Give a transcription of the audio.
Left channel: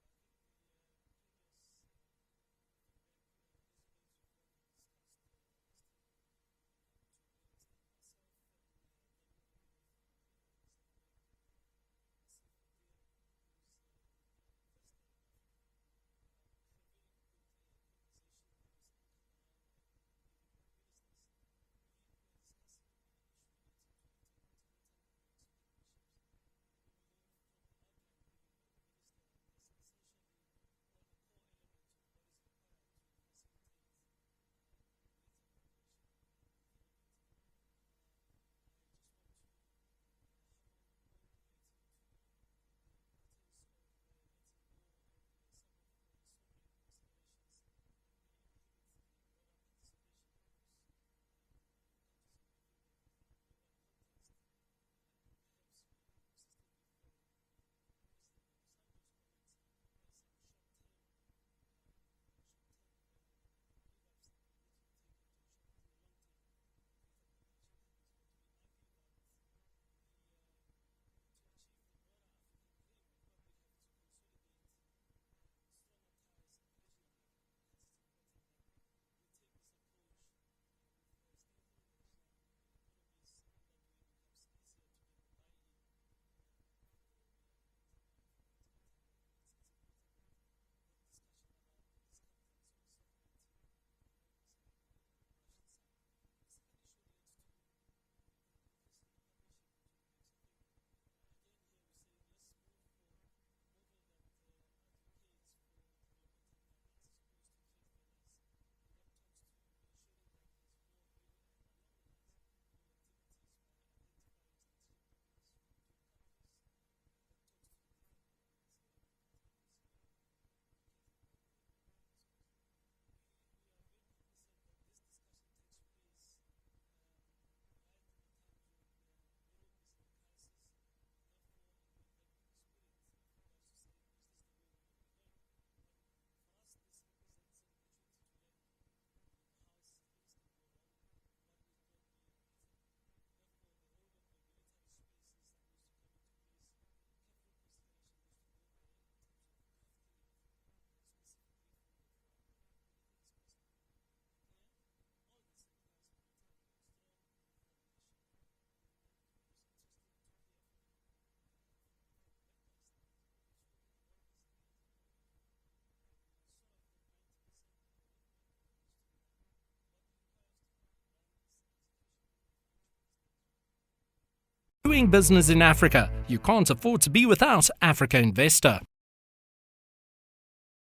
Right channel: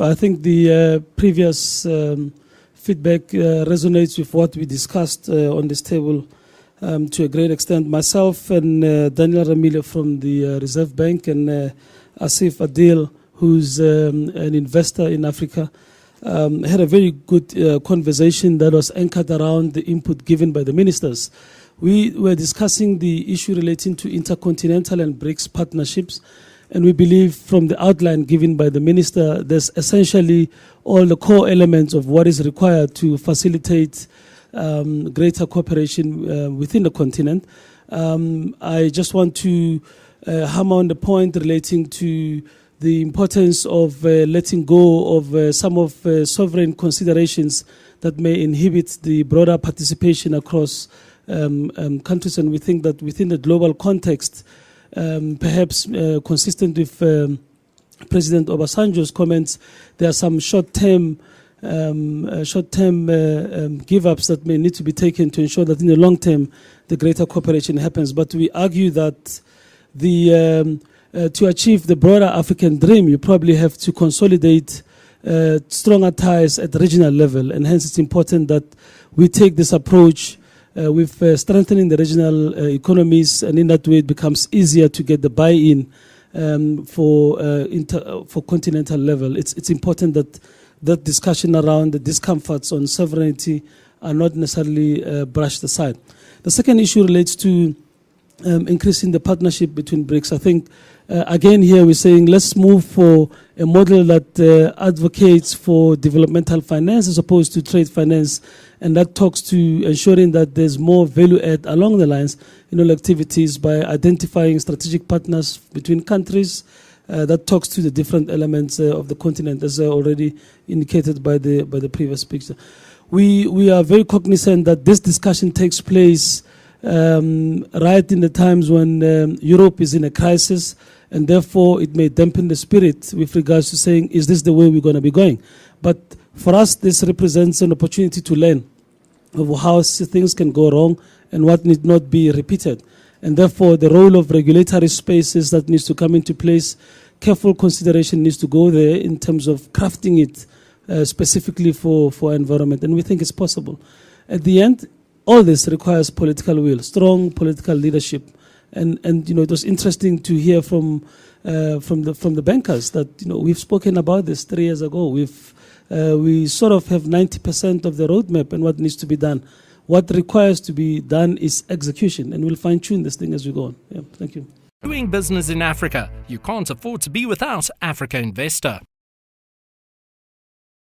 I think the previous feedback resonates with what we discussed on this table to a great extent. Myself and Daniel Ramile from the Reserve Bank and Asif Adil, who's an investor in Africa, had a very good conversation that was anchored around the input given by the ministers. We were discussing the issue relating to intercontinental and BRICS partnerships, and we believe from the outline given by the minister, there's essentially all the core elements of what is required to facilitate greater cooperation within the continent. I just want to hammer on the point relating to the importance of letting go of some of sovereign considerations that may inhibit the broader participation across countries. And we think that within the global context, perhaps consistent with President Obasanjo's comments, there are some short-term give-ups that may need to be taken to ensure that in the long term, the greater cooperation happens. But we argue that to achieve the broader African dream, you probably have to consolidate stronger ties at the regional level. And hence it's important that we take this approach with strengthening the regional economies, and in that way it becomes easier to get the buy-in for continental level. It's important that discussion around the discomforts on sovereignty are not necessarily brushed aside. The second issue relates to increasing the partnership between BRICS. I think, again, here we're saying let's move for a model that advocates for developmental finance as opposed to trade finance, and that talks to ensuring that there's more value add along the lines in all activities by identifying strategic partners between countries. That talks to the different elements of the continent, as already indicated by the previous speaker. We are very cognizant that this discussion takes place right in the times when Europe is in a crisis, and therefore it may dampen the spirit with regards to saying, is this the way we're going to be going? But for us, this represents an opportunity to learn of how things can go wrong and what need not be repeated. And therefore, the role of regulatory spaces that needs to come into place, careful consideration needs to go there in terms of crafting it specifically for environment. And we think it's possible. At the end, all this requires political will, strong political leadership. And you know, it was interesting to hear from the bankers that, you know, we've spoken about this 3 years ago. We sort of have 90% of the roadmap and what needs to be done. What requires to be done is execution, and we'll fine-tune this thing as we go on. Yeah, thank you. Doing business in Africa. You can't afford to be without Africa Investor.